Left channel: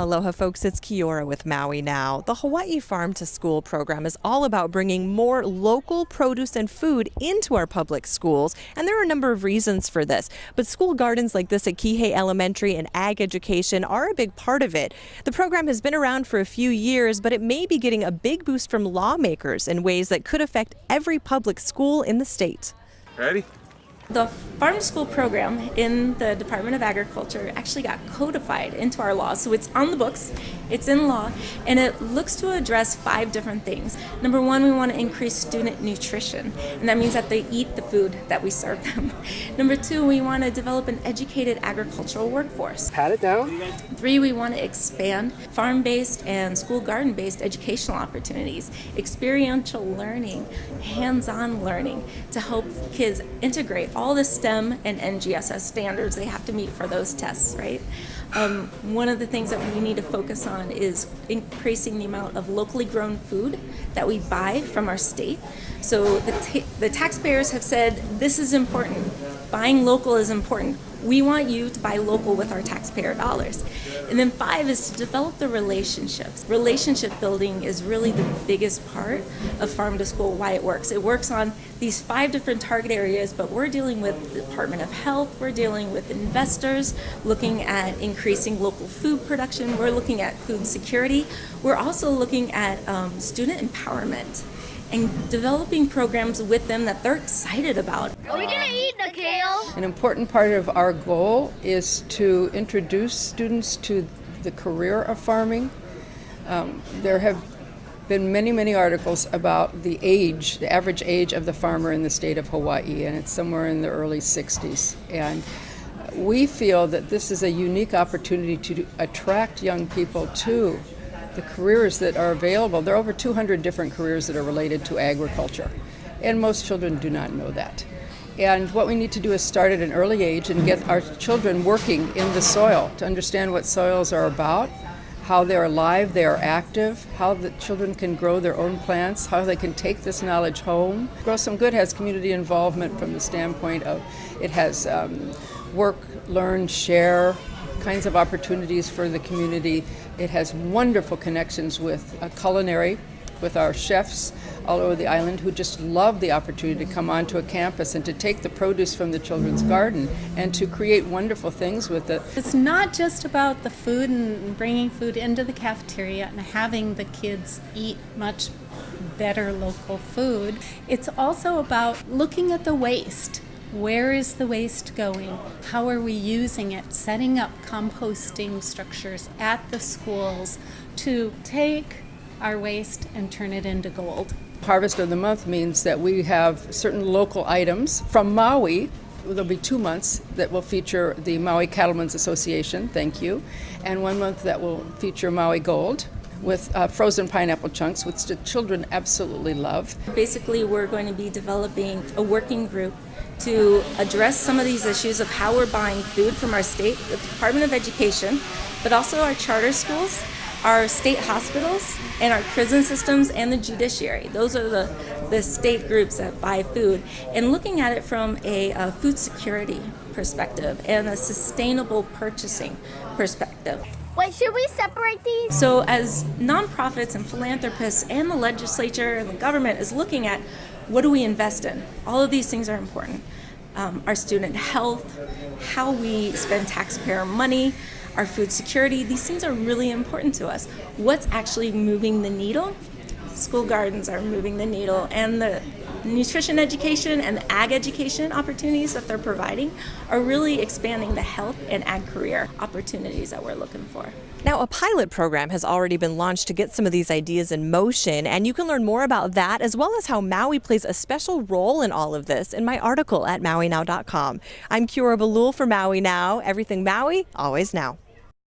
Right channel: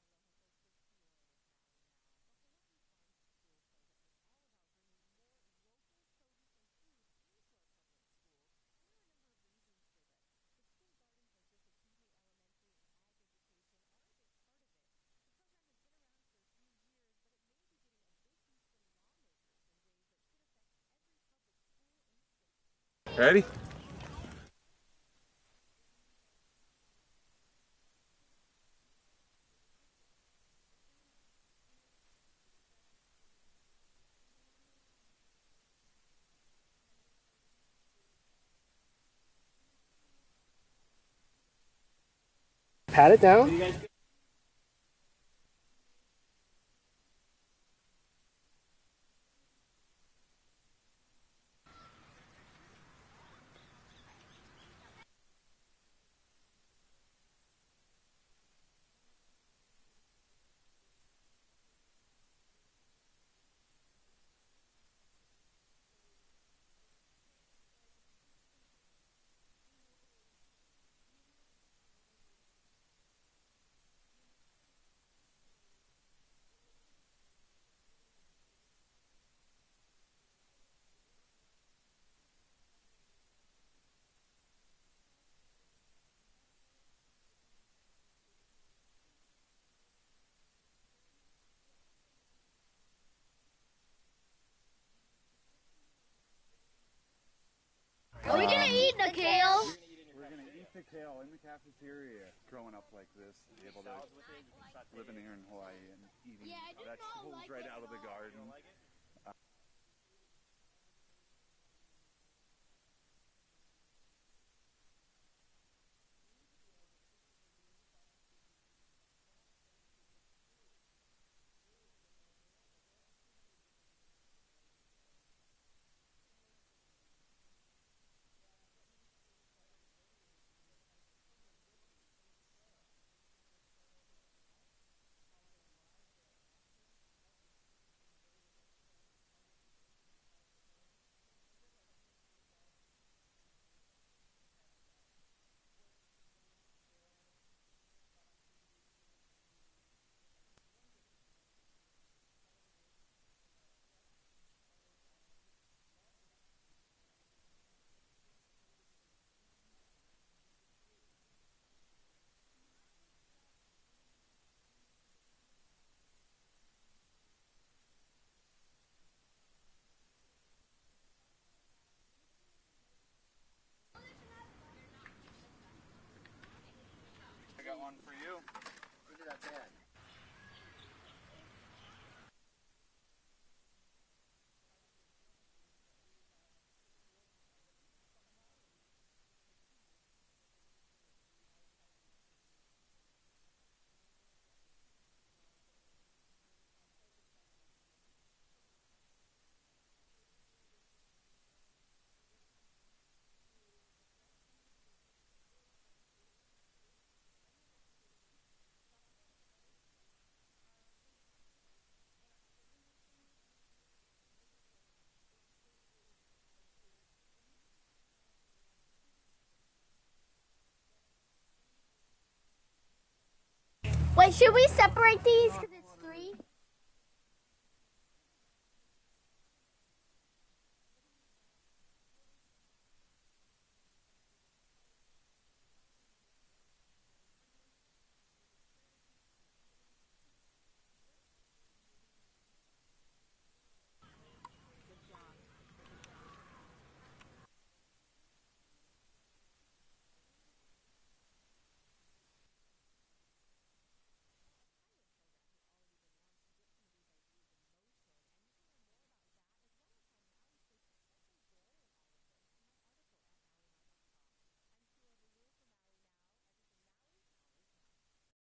Aloha folks, it's Kiora with Maui Now. The Hawaii Farm to School program is all about bringing more local produce and food into our public schools, and there are a number of reasons for this. But school gardens like this at Kihei Elementary and ag education are a big part of it. The program has been around for a few years, but it may be getting a big boost from lawmakers in ways that could affect every public school in the state. Ready? The Farm to School program in the Department of Agriculture actually got codified into our law. So it's on the books, it's in law, and it looks to address 5 different things. Number 1, we want to increase student nutrition, and that means that they eat the food that we serve them. Number 2, we want to develop an educated agricultural workforce. Pat it down. 3, we want to expand farm-based and school garden-based educational opportunities, experiential learning, hands-on learning to help kids integrate all the STEM and NGSS standards they have to meet for those tests, right? One of the things that we need to focus on is increasing the amount of locally grown food that we buy from our state. So the taxpayers have said this is important. Buying local is important. We want you to buy local with our taxpayer dollars. And then 5 is to develop the relationships. Relationship building is really the biggest part of Farm to School, why it works. It works on these 5 different target areas, but we're dealing with the Department of Health, we're dealing with investors, looking at increasing local food production, we're looking at food security, we're also looking at student empowerment and developing programs with them that they're excited about. Are we gonna eat the kale? An important part of our goal is to introduce students to the career of farming. There have been many articles about the average age of the farmer in the state of Hawaii, and it's somewhere in the early 60s. And we feel that this is a unique opportunity to attract young people to the careers that are available. There are over 200 different careers that are related to agriculture, and most children do not know that. And what we need to do is start at an early age and get our children working in the soil to understand what soils are about, how they're alive, they are active, how the children can grow their own plants, how they can take this knowledge home. Grow Some Good has community involvement from the standpoint of it has work, learn, share kinds of opportunities for the community. It has wonderful connections with culinary, with our chefs all over the island who just love the opportunity to come onto a campus and to take the produce from the children's garden and to create wonderful things with it. It's not just about the food and bringing food into the cafeteria and having the kids eat much better local food. It's also about looking at the waste. Where is the waste going? How are we using it? Setting up composting structures at the schools to take our waste and turn it into gold. Harvest of the Month means that we have certain local items from Maui. There'll be 2 months that will feature the Maui Cattlemen's Association, thank you, and 1 month that will feature Maui Gold with frozen pineapple chunks, which the children absolutely love. Basically, we're going to be developing a working group to address some of these issues of how we're buying food from our state, the Department of Education, but also our charter schools, our state hospitals, and our prison systems and the judiciary. Those are the state groups that buy food. And looking at it from a food security perspective and a sustainable purchasing perspective. Wait, should we separate these? So as nonprofits and philanthropists and the legislature and the government is looking at what do we invest in? All of these things are important. Our student health, how we spend taxpayer money, our food security, these things are really important to us. What's actually moving the needle? School gardens are moving the needle, and the nutrition education and the ag education opportunities that they're providing are really expanding the health and ag career opportunities that we're looking for. Now, a pilot program has already been launched to get some of these ideas in motion, and you can learn more about that as well as how Maui plays a special role in all of this in my article at MauiNow.com. I'm Kiora Balul for Maui Now. Everything Maui, always now.